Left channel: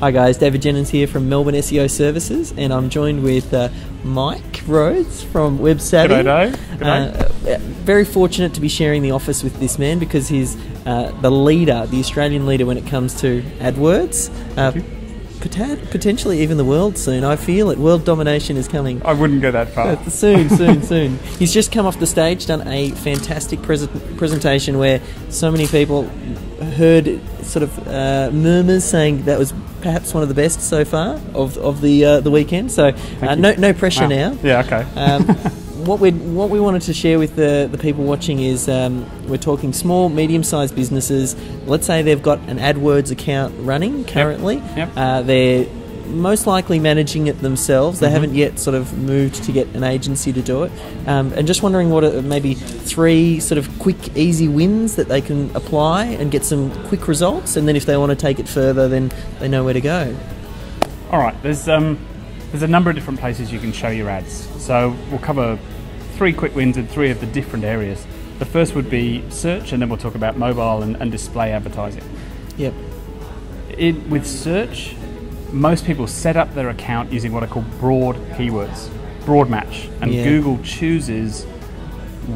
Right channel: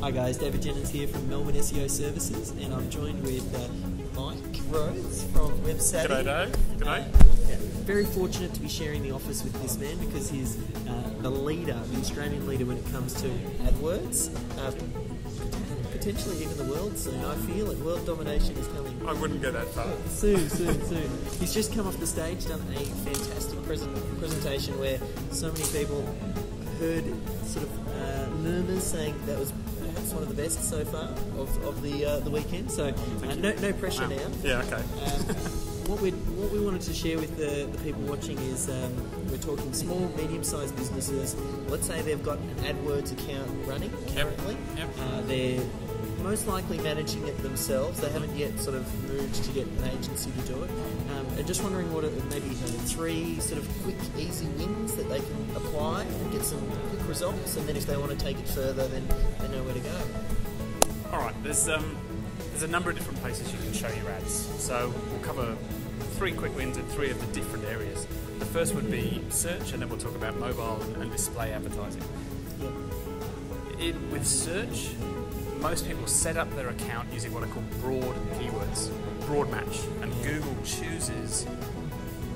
Hi guys, David Jennings here from Melbourne SEO Services, and I'm joined with Mike Rhodes from WebSavvy. G'day, G'day. Very fortunate to be sharing the office with this man because he's the leader, the Australian leader when it comes to AdWords. Potentially even the world soon. I feel it. World domination is coming. I wouldn't go that far. Soon. He's just come off the stage, done a fantastic presentation where so many people heard sort of murmurs saying that was perhaps one of the best so far of the weekend. So no pressure now. Yeah, okay. What we wanted to share with the people watching is we're talking small, medium-sized businesses. Let's say they've got an AdWords account running currently. Yep. They're most likely managing it themselves. They haven't yet sort of moved to get an agency to do it. And just wondering what are maybe 3 sort of quick, easy wins that they can apply and get some quick results. And then if they want to take it further, then they know where to go. All right. There's a number of different places you can show your ads. So we'll cover 3 quick wins in 3 of the different areas. The first would be search, and then we'll talk about mobile and display advertising. Yep. With search, most people set up their account using what are called broad keywords, broad match, and Google chooses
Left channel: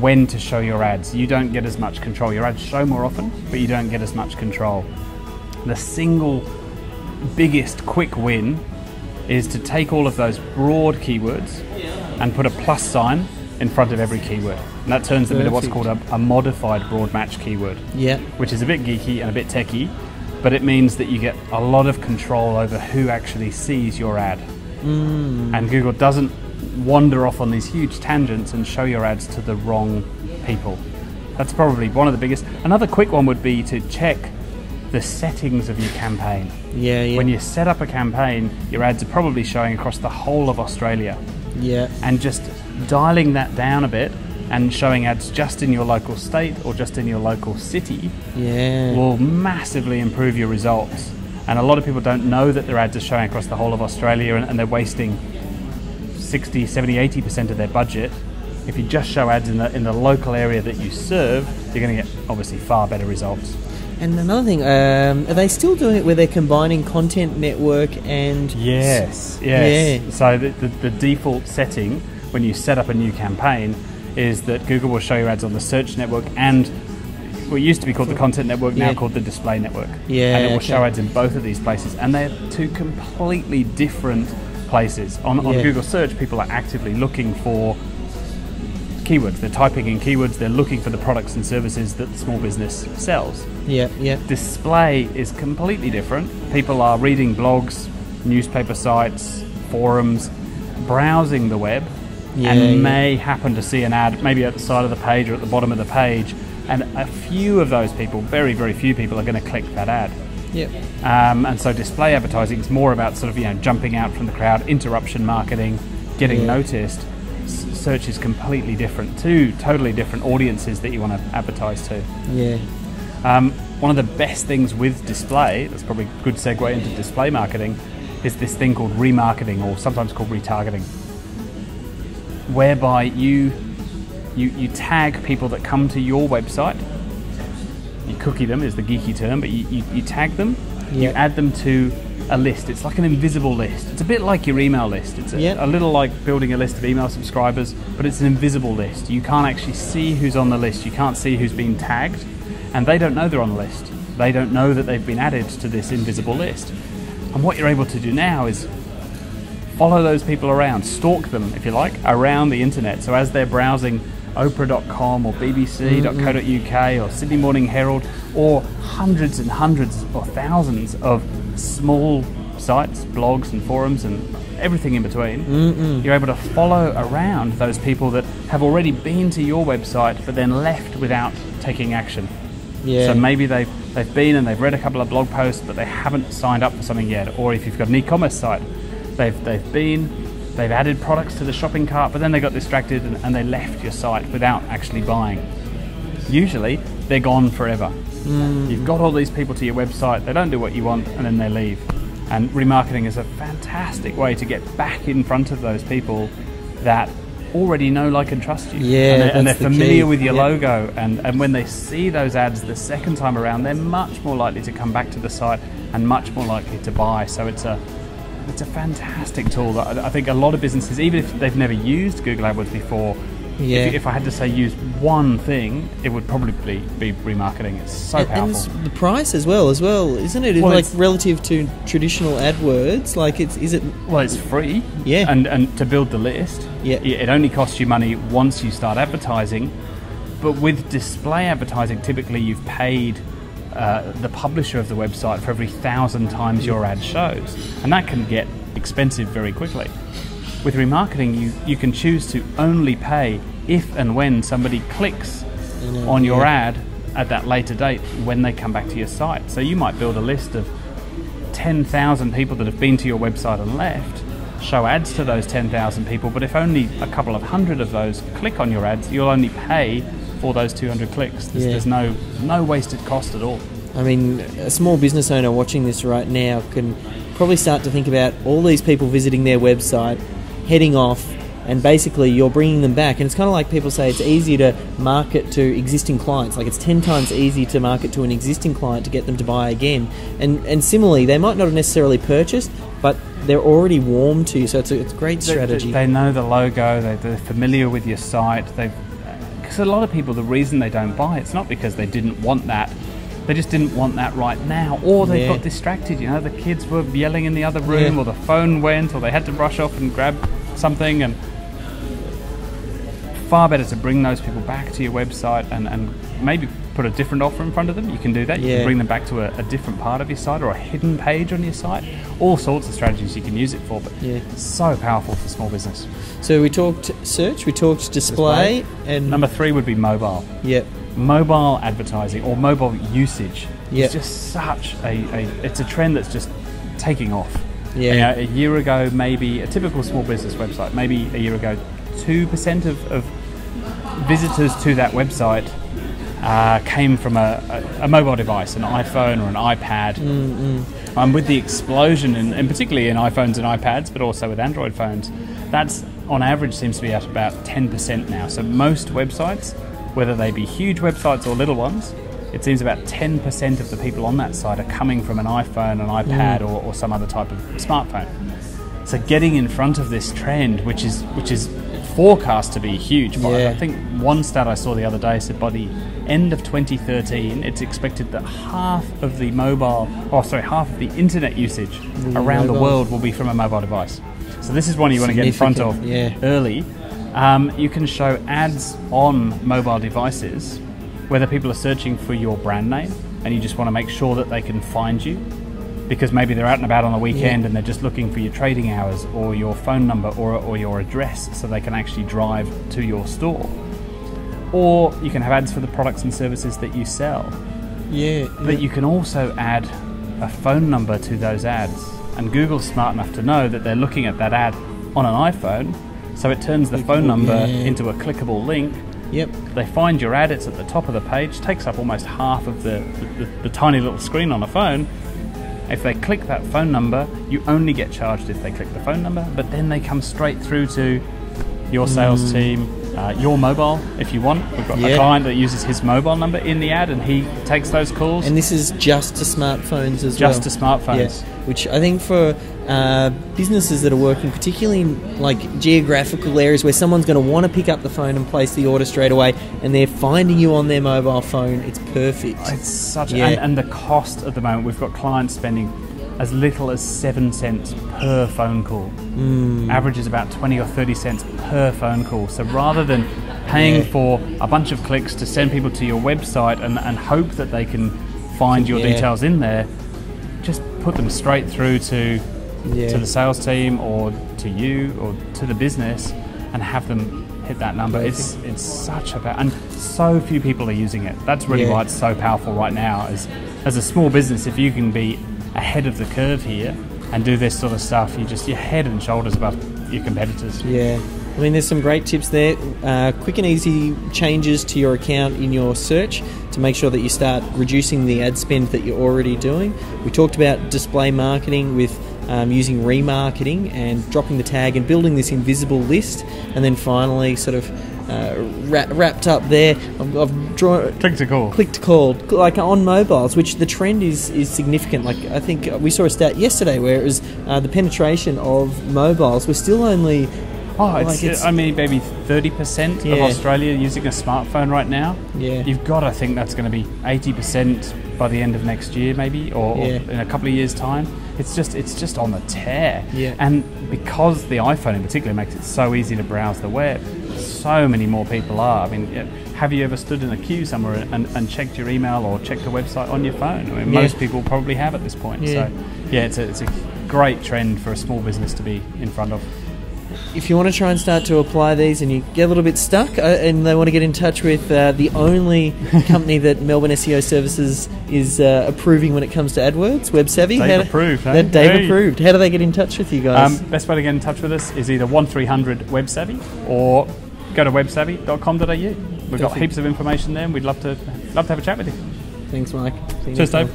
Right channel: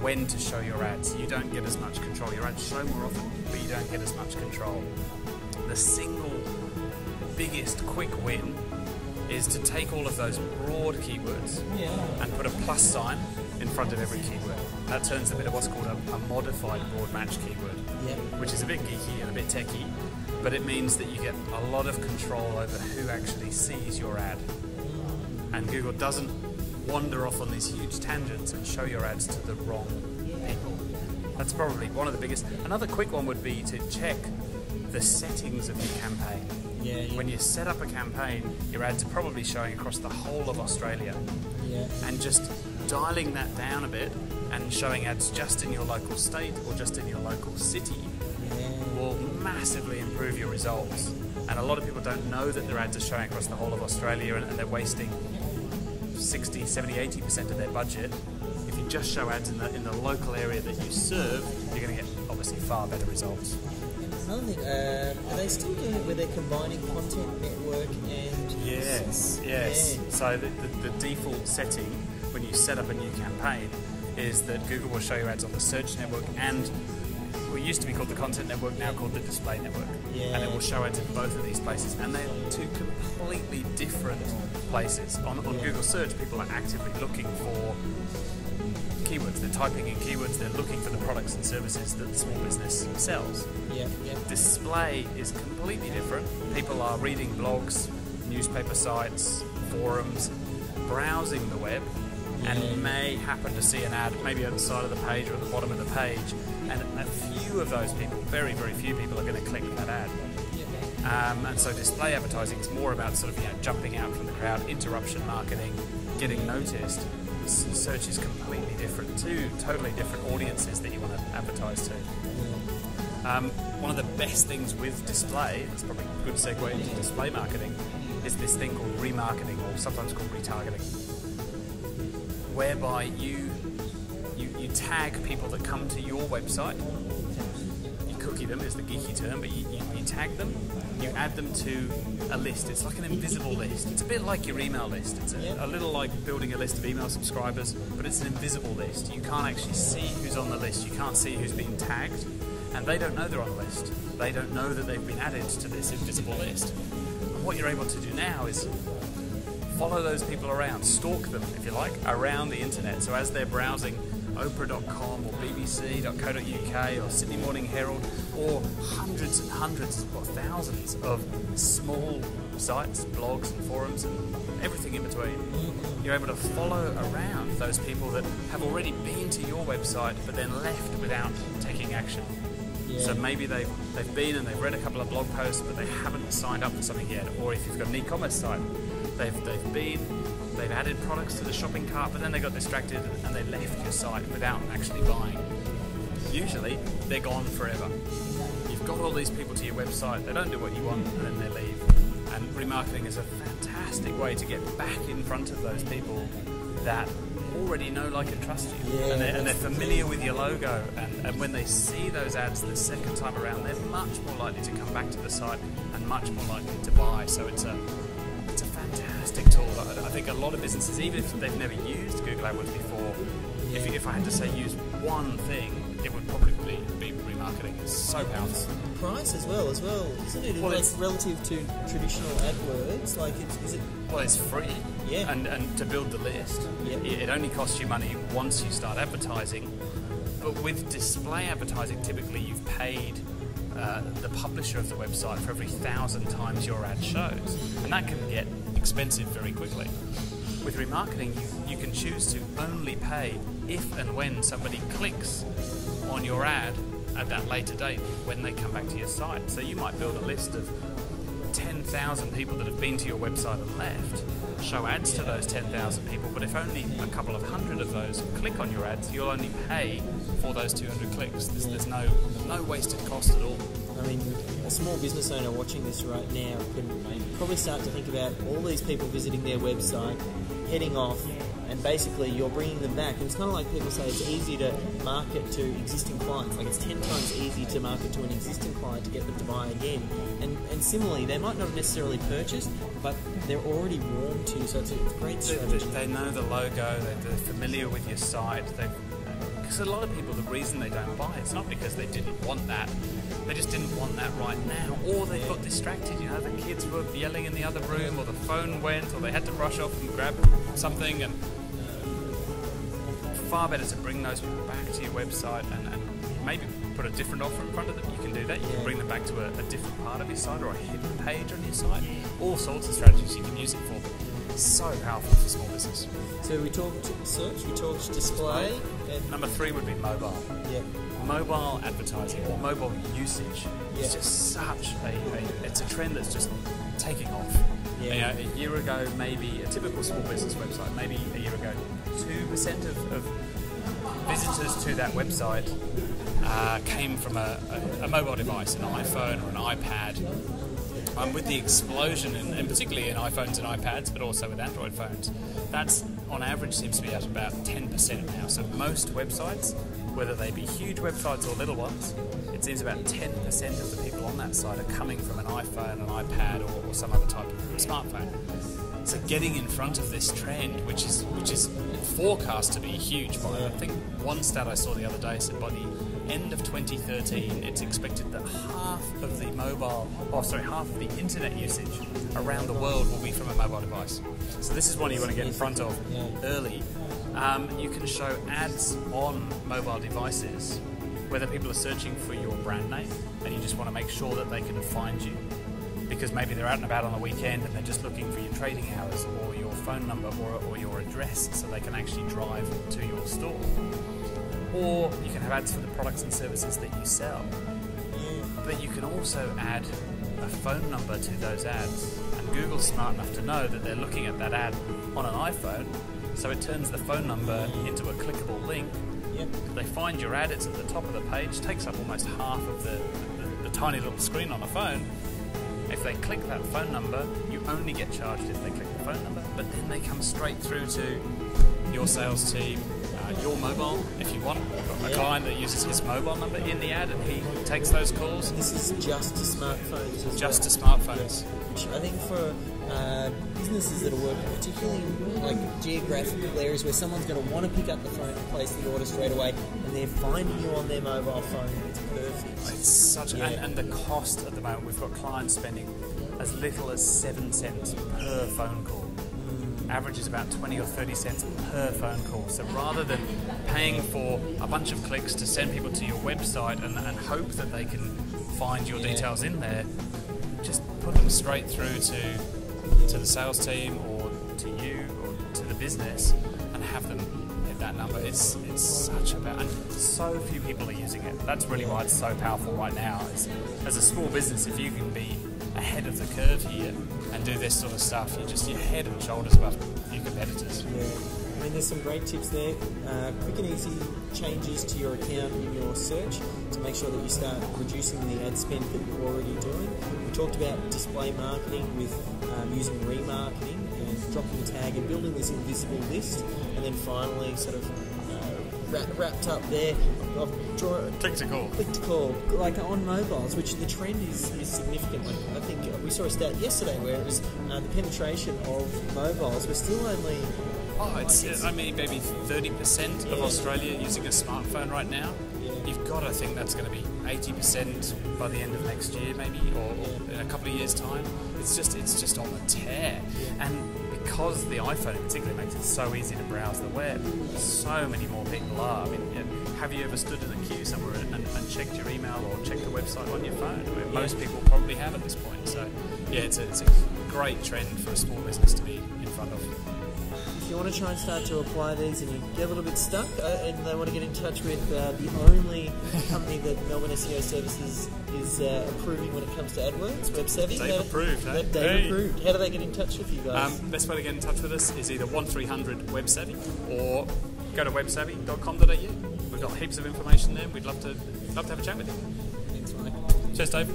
when to show your ads. You don't get as much control. Your ads show more often, but you don't get as much control. The single biggest quick win is to take all of those broad keywords and put a plus sign in front of every keyword. And that turns them into what's called a modified broad match keyword, which is a bit geeky and a bit techy, but it means that you get a lot of control over who actually sees your ad. And Google doesn't wander off on these huge tangents and show your ads to the wrong people. That's probably one of the biggest. Another quick one would be to check the settings of your campaign. When you set up a campaign, your ads are probably showing across the whole of Australia. And just dialing that down a bit and showing ads just in your local state or just in your local city will massively improve your results. And a lot of people don't know that their ads are showing across the whole of Australia, and they're wasting 60, 70, 80% of their budget. If you just show ads in the local area that you serve, you're going to get obviously far better results. And another thing, are they still doing it where they're combining content network and... Yes. So the default setting when you set up a new campaign is that Google will show your ads on the search network and what used to be called the content network, now called the display network. And it will show ads in both of these places. And they're 2 completely different places. On Google search, people are actively looking for keywords. They're typing in keywords, they're looking for the products and services that the small business sells. Display is completely different. People are reading blogs, newspaper sites, forums, browsing the web, and may happen to see an ad maybe at the side of the page or at the bottom of the page, and a few of those people, very, very few people, are going to click that ad. And so display advertising is more about sort of jumping out from the crowd, interruption marketing, getting noticed. Search is completely different. 2 totally different audiences that you want to advertise to. One of the best things with display, that's probably a good segue into display marketing, is this thing called remarketing, or sometimes called retargeting, whereby you tag people that come to your website. You cookie them is the geeky term, but you tag them, you add them to a list. It's like an invisible list. It's a bit like your email list. It's a little like building a list of email subscribers, but it's an invisible list. You can't actually see who's on the list. You can't see who's been tagged, and they don't know they're on the list. They don't know that they've been added to this invisible list. And what you're able to do now is follow those people around, stalk them, if you like, around the internet. So as they're browsing Oprah.com or BBC.co.uk or Sydney Morning Herald, or hundreds and hundreds or thousands of small sites, blogs and forums and everything in between, you're able to follow around those people that have already been to your website but then left without taking action. So maybe they've been and they've read a couple of blog posts, but they haven't signed up for something yet. Or if you've got an e-commerce site, they've added products to the shopping cart, but then they got distracted and they left your site without actually buying. Usually, they're gone forever. You've got all these people to your website, they don't do what you want, and then they leave. And remarketing is a fantastic way to get back in front of those people that already know, like, and trust you. Yeah, and they're that's the familiar key. with your Yeah. logo. And when they see those ads the second time around, they're much more likely to come back to the site and much more likely to buy. So it's a fantastic tool that I think a lot of businesses, even if they've never used Google AdWords before, Yeah. if I had to say use one thing, it would probably be remarketing. It's so powerful. And the price as well, isn't it? Well, like relative to traditional AdWords, like is it? Well, it's free. Yeah. And to build the list, Yeah. it only costs you money once you start advertising. But with display advertising, typically you've paid the publisher of the website for every 1,000 times your ad shows, and that can get expensive very quickly. With remarketing, you can choose to only pay if and when somebody clicks on your ad at that later date when they come back to your site. So you might build a list of 10,000 people that have been to your website and left, show ads to those 10,000 people, but if only a couple of hundred of those click on your ads, you'll only pay for those 200 clicks. There's no wasted cost at all. I mean, a small business owner watching this right now can probably start to think about all these people visiting their website, heading off, and basically you're bringing them back. And it's kind of like people say it's easy to market to existing clients. Like it's 10 times easier to market to an existing client to get them to buy again. And similarly, they might not have necessarily purchased, but they're already warm to you. So it's a great strategy. They know the logo, they're familiar with your site. Because a lot of people, the reason they don't buy, it's not because they didn't want that. They just didn't want that right now, or they got distracted. You know, the kids were yelling in the other room, or the phone went, or they had to rush off and grab something. And far better to bring those people back to your website and maybe put a different offer in front of them. You can do that. You can bring them back to a different part of your site or a hidden page on your site. All sorts of strategies you can use it for, but so powerful for small business. So we talked search, we talked display. And number 3 would be mobile. Yep. Mobile advertising or mobile usage Yep. is just such it's a trend that's just taking off. Yeah. You know, a year ago, maybe a typical small business website, maybe a year ago, 2% of visitors to that website came from a mobile device, an iPhone or an iPad. With the explosion, and particularly in iPhones and iPads, but also with Android phones, that's on average seems to be at about 10% now. So most websites, whether they be huge websites or little ones, it seems about 10% of the people on that site are coming from an iPhone, an iPad, or some other type of smartphone. So getting in front of this trend, which is forecast to be huge. But I think one stat I saw the other day said by the end of 2013, it's expected that half of the internet usage around the world will be from a mobile device. So this is one you want to get in front of early. You can show ads on mobile devices, whether people are searching for your brand name and you just want to make sure that they can find you, because maybe they're out and about on the weekend and they're just looking for your trading hours or your phone number or your address so they can actually drive to your store. Or you can have ads for the products and services that you sell. But you can also add a phone number to those ads. And Google's smart enough to know that they're looking at that ad on an iPhone, so it turns the phone number into a clickable link. They find your ad, it's at the top of the page, takes up almost half of the tiny little screen on a phone. If they click that phone number, you only get charged if they click the phone number, but then they come straight through to your sales team, your mobile, if you want. We've got a client that uses his mobile number in the ad, and he takes those calls. And this is just to smartphones as well. Just to smartphones. Which I think for businesses that are working particularly in like geographical areas where someone's going to want to pick up the phone and place the order straight away, and they're finding you on their mobile phone, it's perfect. It's such and the cost at the moment, we've got clients spending as little as 7 cents per phone call. Average is about 20 or 30 cents per phone call. So rather than paying for a bunch of clicks to send people to your website and hope that they can find your details in there, just put them straight through to the sales team or to you or to the business and have them hit that number. It's such and so few people are using it. That's really why it's so powerful right now. As a small business, if you can be ahead of the curve here and do this sort of stuff, you're head and shoulders above your competitors. I mean, there's some great tips there. Quick and easy changes to your account in your search to make sure that you start reducing the ad spend that you're already doing. We talked about display marketing with using remarketing and dropping the tag and building this invisible list, and then finally sort of wrapped up there. I've drawn click to call like on mobiles, which the trend is significant. Like I think we saw a stat yesterday where it was the penetration of mobiles was still only maybe 30% of Australia using a smartphone right now. Yeah, you've got to think that's going to be 80% by the end of next year, maybe, or in a couple of years' time. It's just on the tear. Yeah. And because the iPhone in particular makes it so easy to browse the web, so many more people are. I mean, have you ever stood in a queue somewhere and checked your email or checked a website on your phone? I mean, most people probably have at this point. Yeah. So, it's a great trend for a small business to be in front of. If you want to try and start to apply these and you get a little bit stuck and they want to get in touch with the only company that Melbourne SEO Services is approving when it comes to AdWords, WebSavvy. Dave approved. How do they get in touch with you guys? Best way to get in touch with us is either 1300 WebSavvy or go to websavvy.com.au. We've got heaps of information there and we'd love to have a chat with you. Thanks, Mike. Cheers, Dave.